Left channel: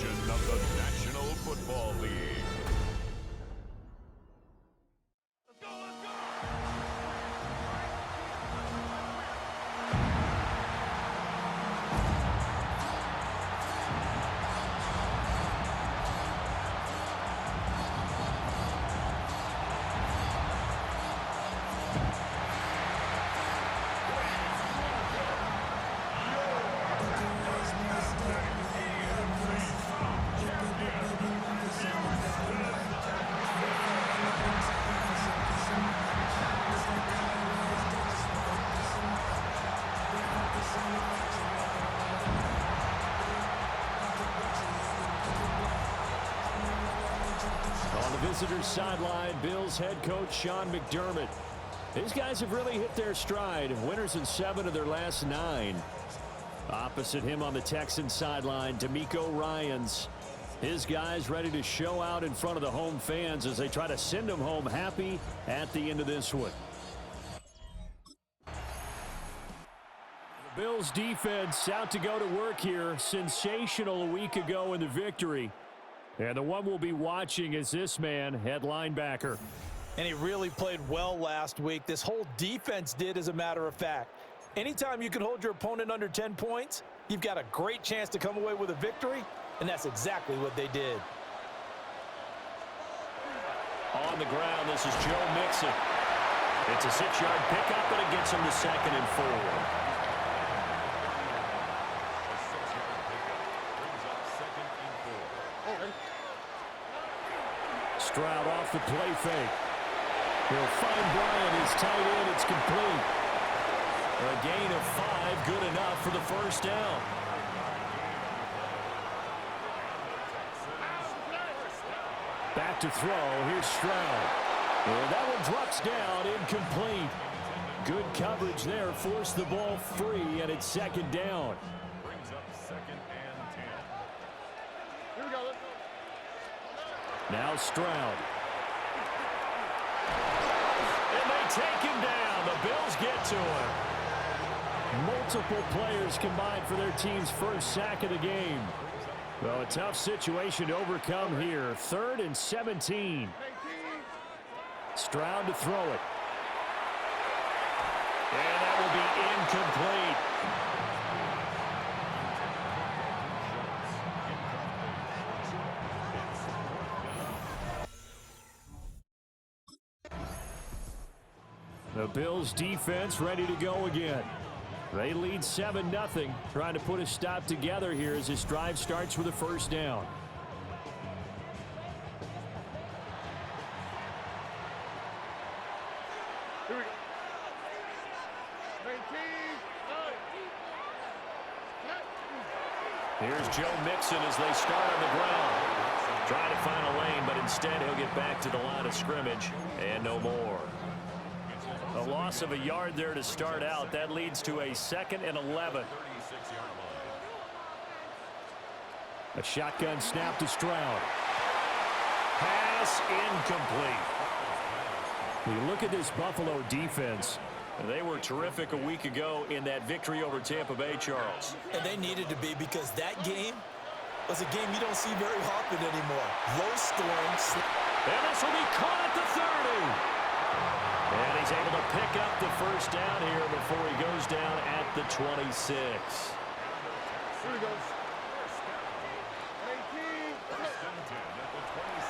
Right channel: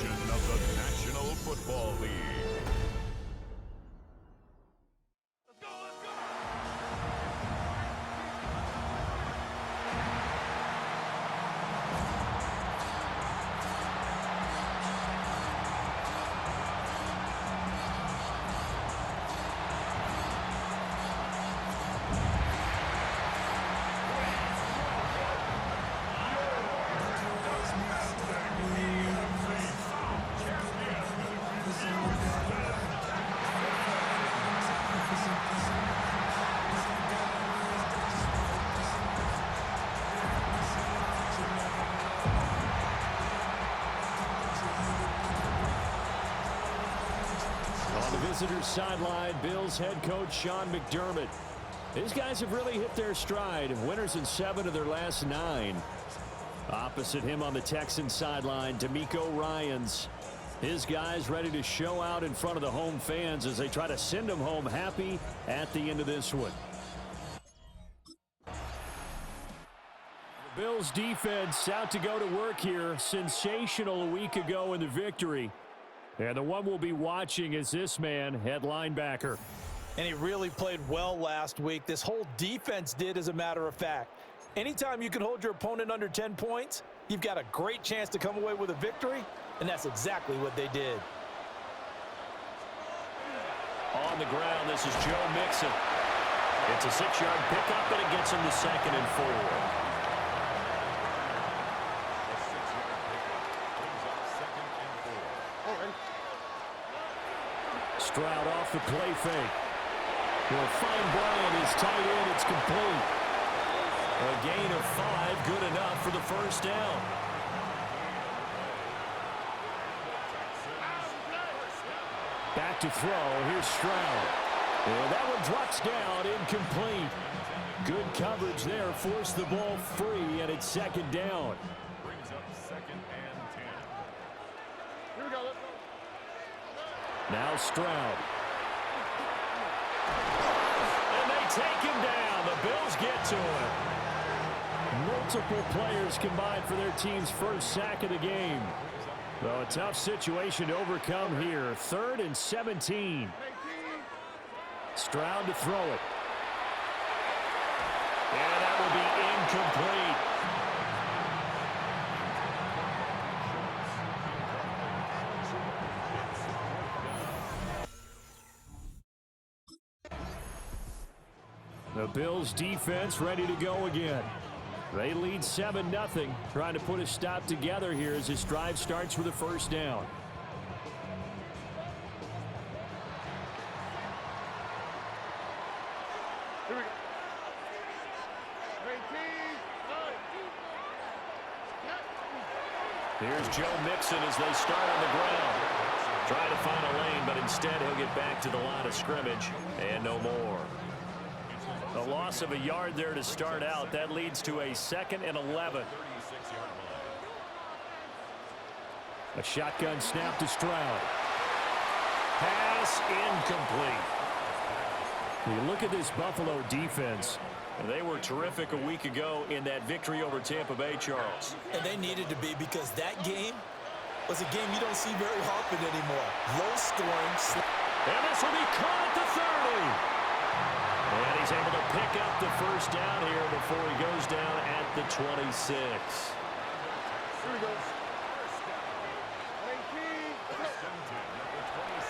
edition of the National Football League. On the visitor's sideline, Bills head coach Sean McDermott. These guys have really hit their stride. Winners in 7 of their last 9. Opposite him on the Texans sideline, DeMeco Ryans. His guys ready to show out in front of the home fans as they try to send them home happy at the end of this one. The Bills defense out to go to work here. Sensational a week ago in the victory. And the one we'll be watching is this man at linebacker. And he really played well last week. This whole defense did, as a matter of fact. Anytime you can hold your opponent under 10 points, you've got a great chance to come away with a victory, and that's exactly what they did. On the ground, this is Joe Mixon. It's a 6-yard pickup, and it gets him to 2nd and 4. Stroud off the play fake. He'll find Bryant, his tight end. It's complete. A gain of 5, good enough for the first down. Back to throw. Here's Stroud. And that one drops down, incomplete. Good coverage there. Forced the ball free, and it's 2nd down. Brings up 2nd and 10. Here we go. Let's go. Now Stroud. And they take him down. The Bills get to him. Multiple players combined for their team's first sack of the game. Well, a tough situation to overcome here. 3rd and 17. Stroud to throw it. And that will be incomplete. The Bills defense ready to go again. They lead 7-0, trying to put a stop together here as this drive starts with a first down. Here we go. 19. Here's Joe Mixon as they start on the ground. Trying to find a lane, but instead he'll get back to the line of scrimmage and no more. A loss of a yard there to start out. That leads to a 2nd and 11. A shotgun snap to Stroud. Pass incomplete. You look at this Buffalo defense. They were terrific a week ago in that victory over Tampa Bay, Charles. And they needed to be, because that game was a game you don't see very often anymore. Low scoring. And this will be caught at the 30. And he's able to pick up the first down here before he goes down at the 26. Here we go.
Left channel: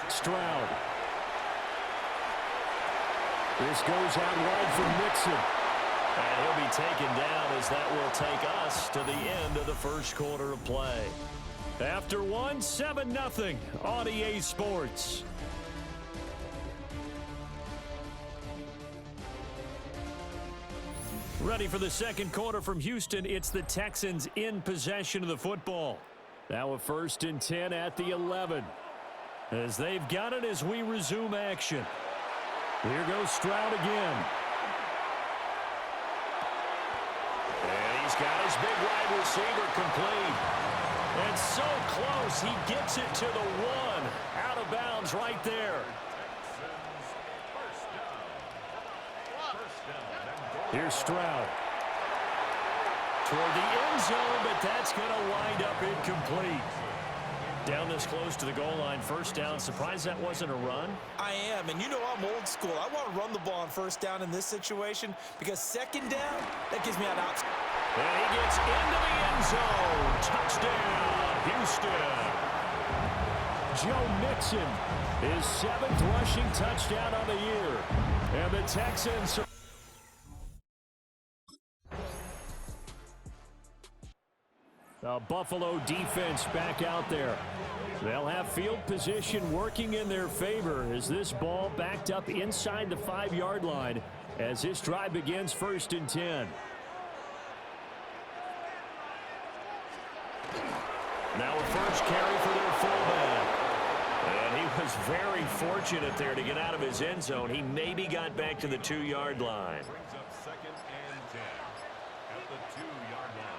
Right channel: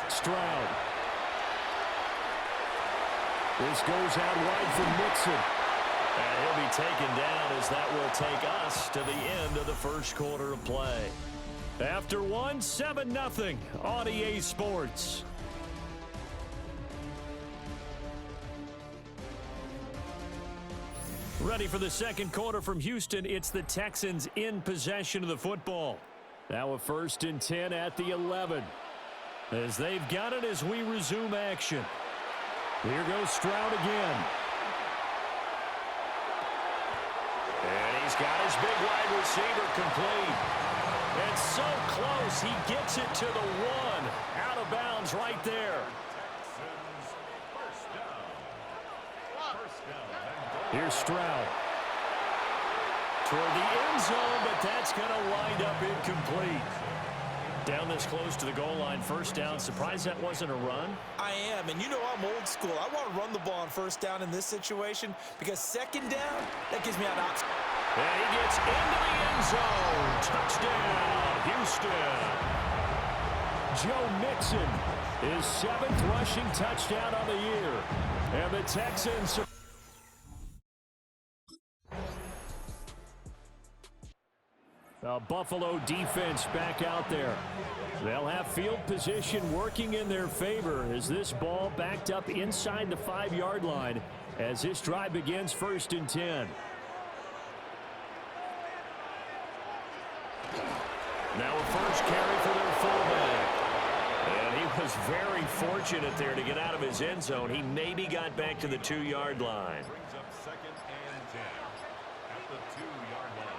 Stroud. This goes out wide for Mixon. And he'll be taken down as that will take us to the end of the first quarter of play. After 7-0 on EA Sports. Ready for the second quarter from Houston. It's the Texans in possession of the football. Now a 1st and 10 at the 11. As they've got it as we resume action. Here goes Stroud again. And he's got his big wide receiver complete. And so close, he gets it to the 1. Out of bounds right there. Here's Stroud. Toward the end zone, but that's going to wind up incomplete. Down this close to the goal line, first down. Surprised that wasn't a run? I am, and you know I'm old school. I want to run the ball on first down in this situation because second down, that gives me an option. And he gets into the end zone. Touchdown, Houston. Joe Mixon, his 7th rushing touchdown of the year. And the Texans... The Buffalo defense back out there. They'll have field position working in their favor as this ball backed up inside the 5-yard line as this drive begins 1st and 10. Now a first carry for their fullback. And he was very fortunate there to get out of his end zone. He maybe got back to the 2-yard line. Brings up 2nd and 10 at the 2-yard line.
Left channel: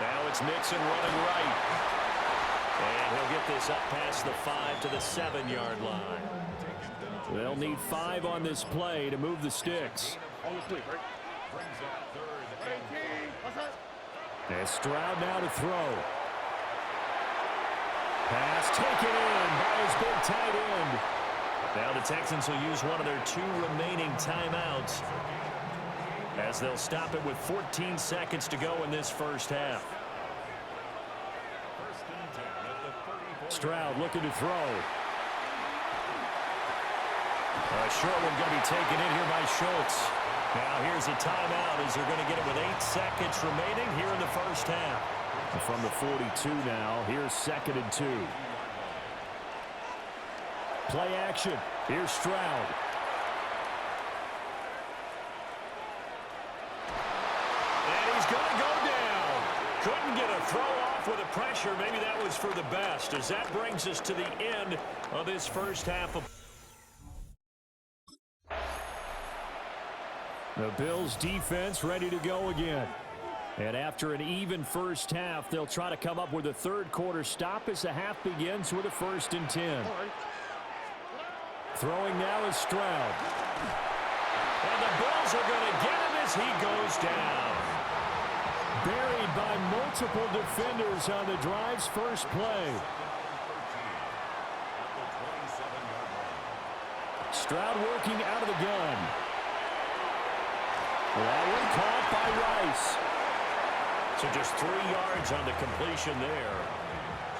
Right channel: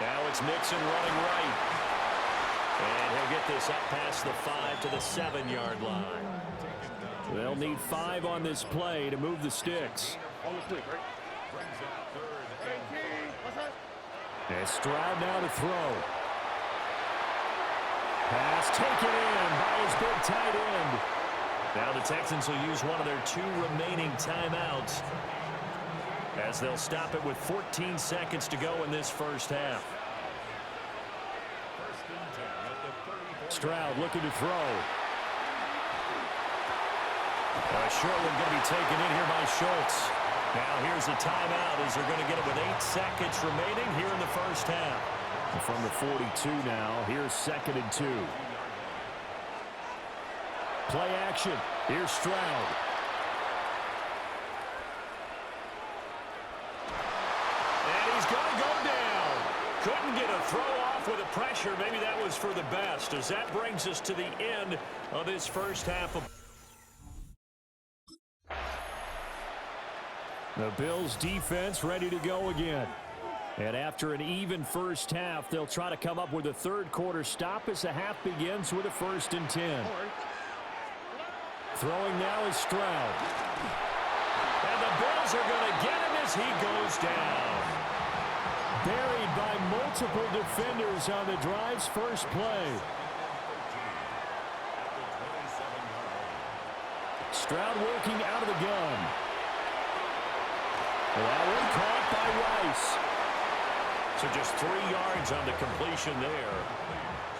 Now it's Mixon running right. And he'll get this up past the 5 to the 7-yard line. They'll need 5 on this play to move the sticks. On the fleet, right? Brings up 3rd and 10. And Stroud now to throw. Pass taken in by his big tight end. Now the Texans will use one of their 2 remaining timeouts as they'll stop it with 14 seconds to go in this first half. 1st and 10 at the 34. Stroud looking to throw. A short one going to be taken in here by Schultz. Now here's a timeout as they're going to get it with 8 seconds remaining here in the first half. And from the 42 now, here's 2nd and 2. Play action. Here's Stroud. And he's going to go down. Couldn't get a throw off with the pressure. Maybe that was for the best as that brings us to the end of this first half of the Bills defense ready to go again. And after an even first half, they'll try to come up with a 3rd quarter stop as the half begins with a 1st and 10. Throwing now is Stroud. And the Bills are going to get him as he goes down. Buried by multiple defenders on the drive's first play. Stroud working out of the gun. That one caught by Rice. So just 3 yards on the completion there.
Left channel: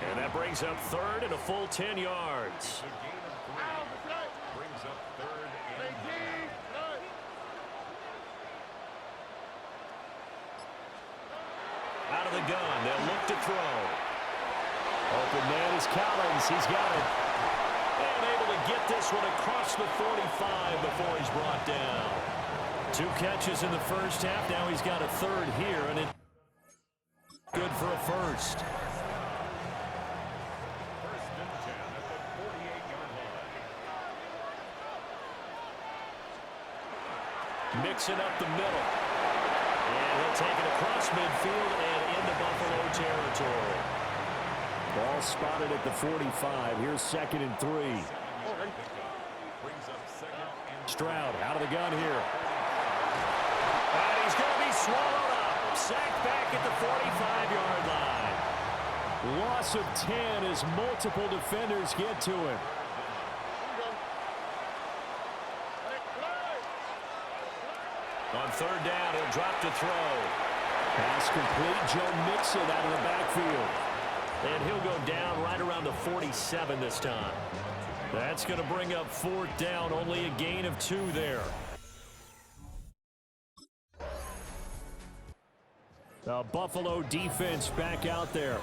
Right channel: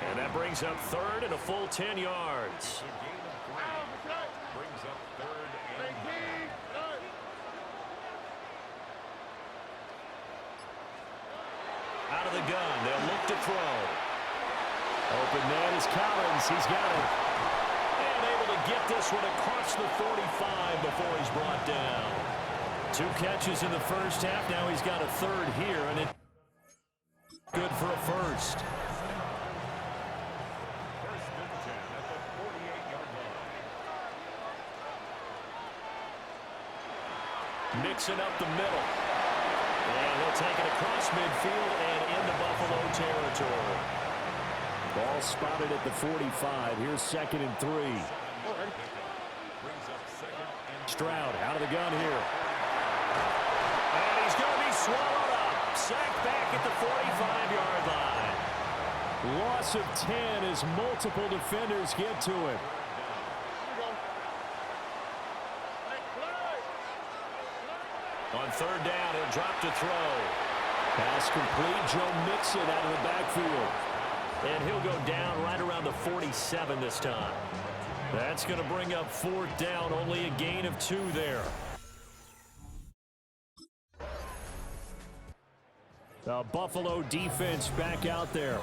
And that brings up 3rd and a full 10 yards. Brings up 3rd and 9. Out of the gun, they'll look to throw. Open man is Collins. He's got it. And able to get this one across the 45 before he's brought down. 2 catches in the first half. Now he's got a 3rd here, and it's good for a first. 1st and 10 at the 48-yard line. Mixing up the middle. And he'll take it across midfield and into Buffalo territory. Ball spotted at the 45. Here's 2nd and 3. Brings up 2nd and Stroud out of the gun here. And he's going to be swallowed up. Sacked back at the 45-yard line. Loss of 10 as multiple defenders get to him. On 3rd down, he'll drop to throw. Pass complete. Joe Mixon out of the backfield. And he'll go down right around the 47 this time. That's going to bring up 4th down. Only a gain of 2 there. The Buffalo defense back out there.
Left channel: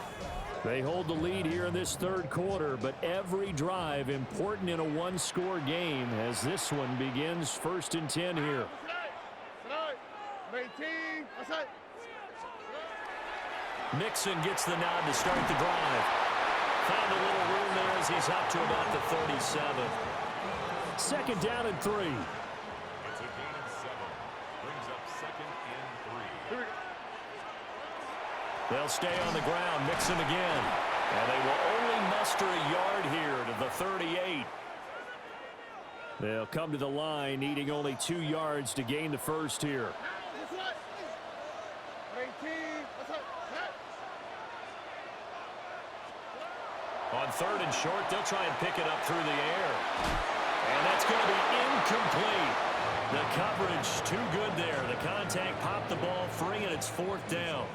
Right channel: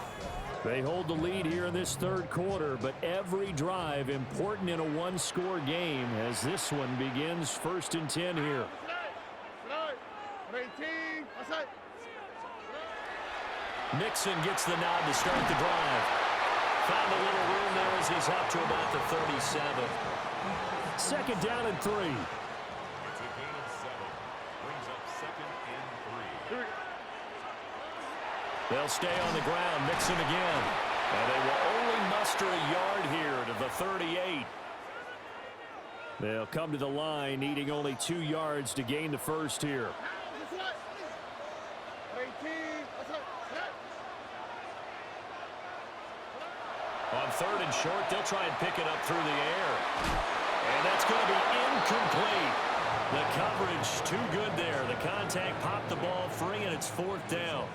They hold the lead here in this 3rd quarter, but every drive important in a 1-score game as this one begins 1st and 10 here. Mixon gets the nod to start the drive. Found a little room there as he's up to about the 37. 2nd down and 3. it's a gain of 7. Brings up 2nd and 3. They'll stay on the ground. Mixon again. And they will only muster a yard here to the 38. They'll come to the line needing only 2 yards to gain the first here. On 3rd and short, they'll try and pick it up through the air. And that's going to be incomplete. The coverage too good there. The contact popped the ball free, and it's 4th down.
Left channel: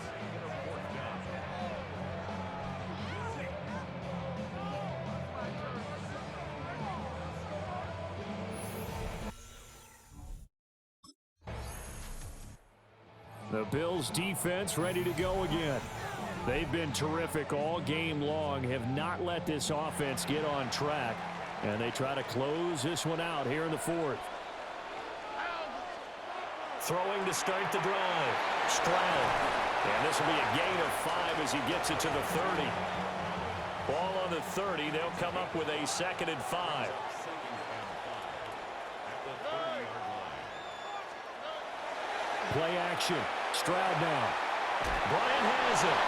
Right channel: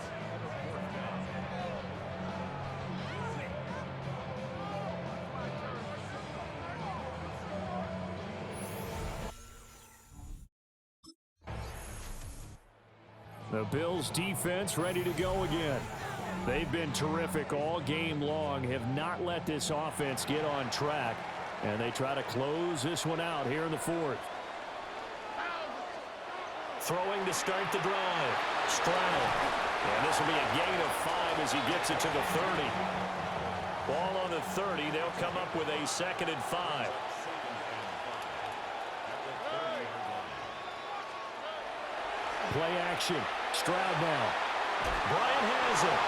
The Bills defense ready to go again. They've been terrific all game long, have not let this offense get on track, and they try to close this one out here in the 4th. Throwing to start the drive. Stroud. And this will be a gain of 5 as he gets it to the 30. Ball on the 30. They'll come up with a 2nd and 5. Play action. Stroud now. Bryant has it.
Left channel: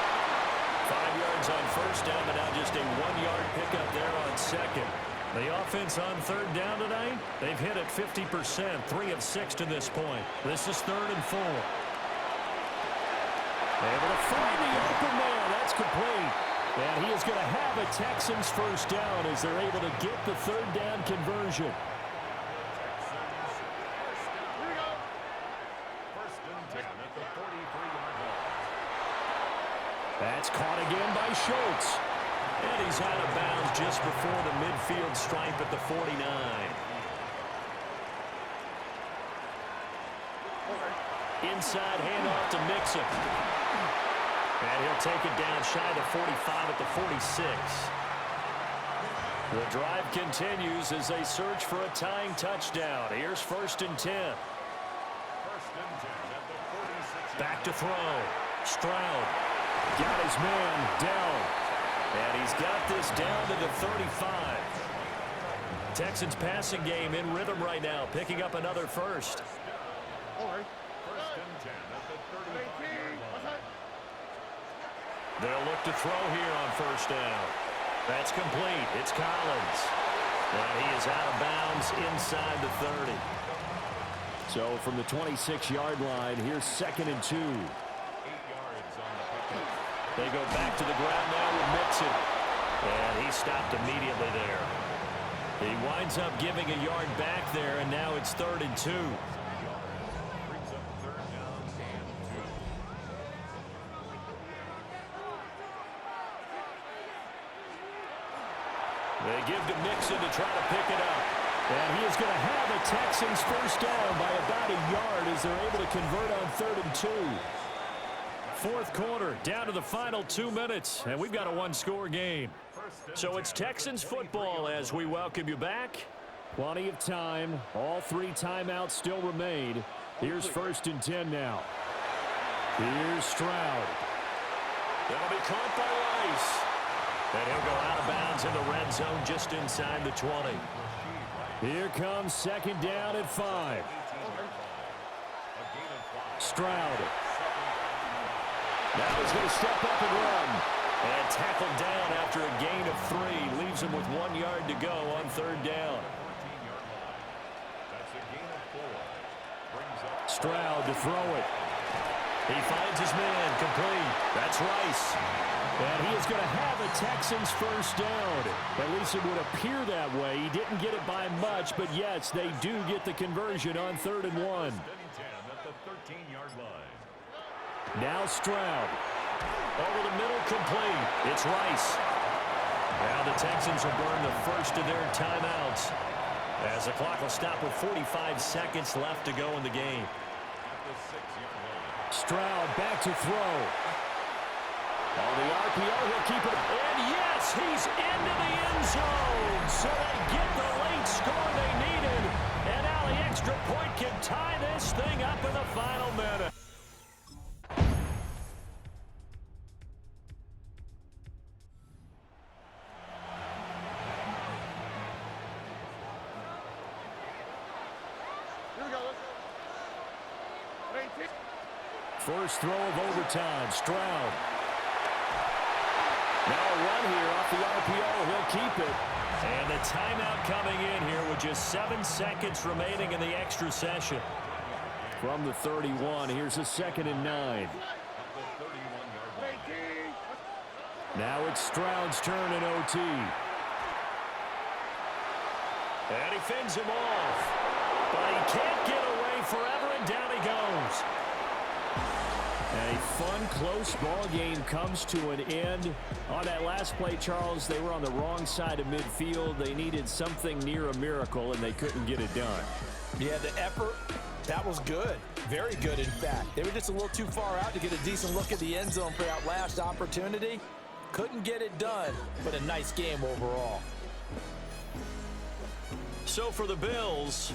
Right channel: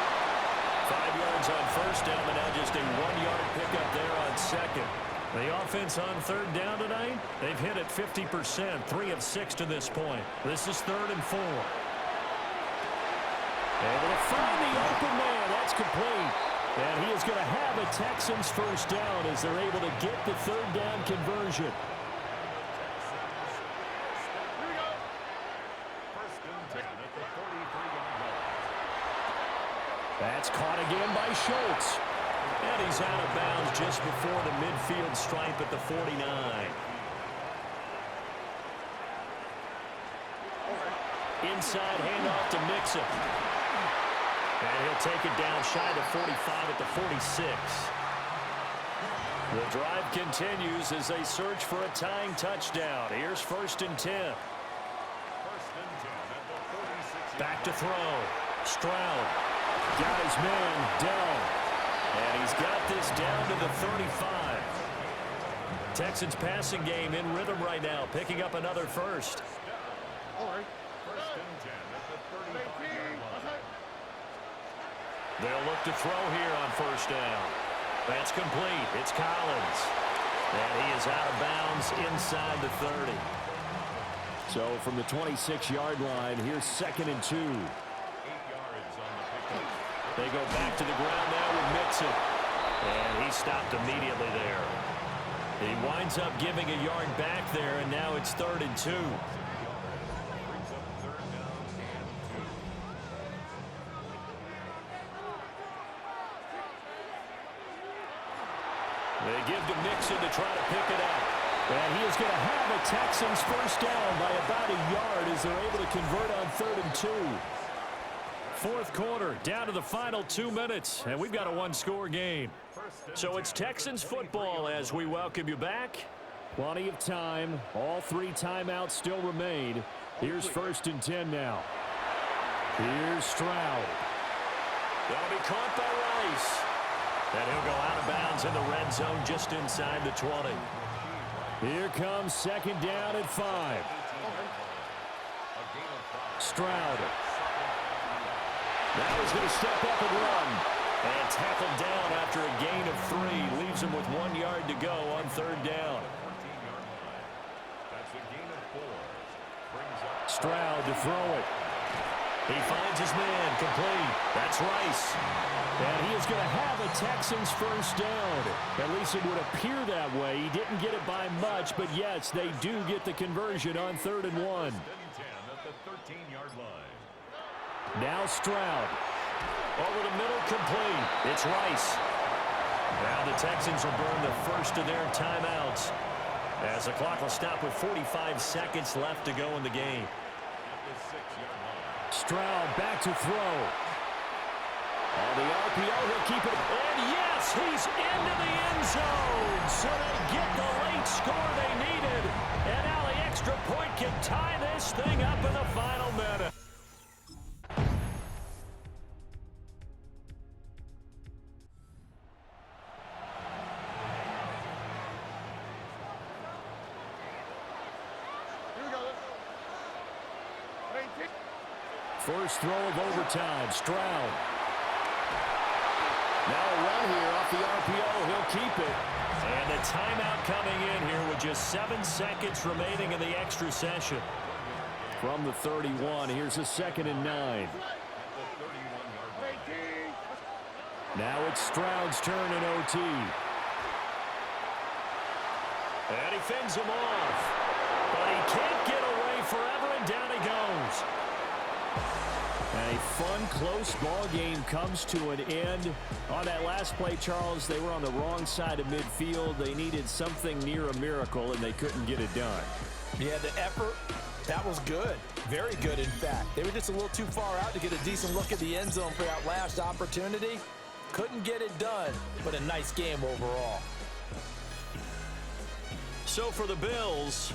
5 yards on 1st down, but now just a 1-yard pickup there on 2nd. The offense on 3rd down tonight, they've hit it 50%, 3 of 6 to this point. This is 3rd and 4. Able to find the open man. That's complete. And he is going to have a Texans 1st down as they're able to get the 3rd down conversion. That's caught again by Schultz. And he's out of bounds just before the midfield stripe at the 49. Inside handoff to Mixon. And he'll take it down shy of the 45 at the 46. The drive continues as they search for a tying touchdown. Here's 1st and 10. 1st and 10 at the 46. Back to throw. Stroud. Got his man, Dell. And he's got this down to the 35. Texans passing game in rhythm right now, picking up another 1st. 1st and 10 at the 35-yard line. They'll look to throw here on 1st down. That's complete. It's Collins. And he is out of bounds inside the 30. So from the 26-yard line, here's 2nd and 2. 8 yards on the pickup. They go back to the ground now with Mixon. And he stopped immediately there. He winds up giving a yard back there, and now it's 3rd and 2. Brings up 3rd down and 2. They give to Mixon to try to pick it up. And he is going to have a Texans 1st down by about a yard as they're able to convert on 3rd and 2. 4th quarter, down to the final 2 minutes, and we've got a 1-score game. So it's Texans football as we welcome you back. Plenty of time. All 3 timeouts still remain. Here's 1st and 10 now. Here's Stroud. That'll be caught by Rice. And he'll go out of bounds in the red zone just inside the 20. Here comes 2nd down at 5. Stroud. Now he's going to step up and run. And tackled down after a gain of 3. Leaves him with 1 yard to go on 3rd down. 14-yard line. That's a gain of 4. Brings up Stroud to throw it. He finds his man complete. That's Rice. And he is going to have a Texans 1st down. At least it would appear that way. He didn't get it by much, but yes, they do get the conversion on 3rd and 1. 10 at the 13-yard line. Now Stroud. Over the middle, complete. It's Rice. Now the Texans will burn the first of their timeouts as the clock will stop with 45 seconds left to go in the game. At the 6-yard line. Stroud back to throw. On the RPO, he'll keep it. And yes, he's into the end zone. So they get the late score they needed. And now the extra point can tie this thing up in the final minute. Here we go. Let's go. 18. First throw of overtime, Stroud. Now a run here off the RPO. He'll keep it. And the timeout coming in here with just 7 seconds remaining in the extra session. From the 31, here's a 2nd and 9. At the 31-yard line. Now it's Stroud's turn in OT. And he fends him off. But he can't get away forever, and down he goes. A fun, close ball game comes to an end. On that last play, Charles, they were on the wrong side of midfield. They needed something near a miracle, and they couldn't get it done. Yeah, the effort, that was good. Very good, in fact. They were just a little too far out to get a decent look at the end zone for that last opportunity. Couldn't get it done, but a nice game overall. So for the Bills,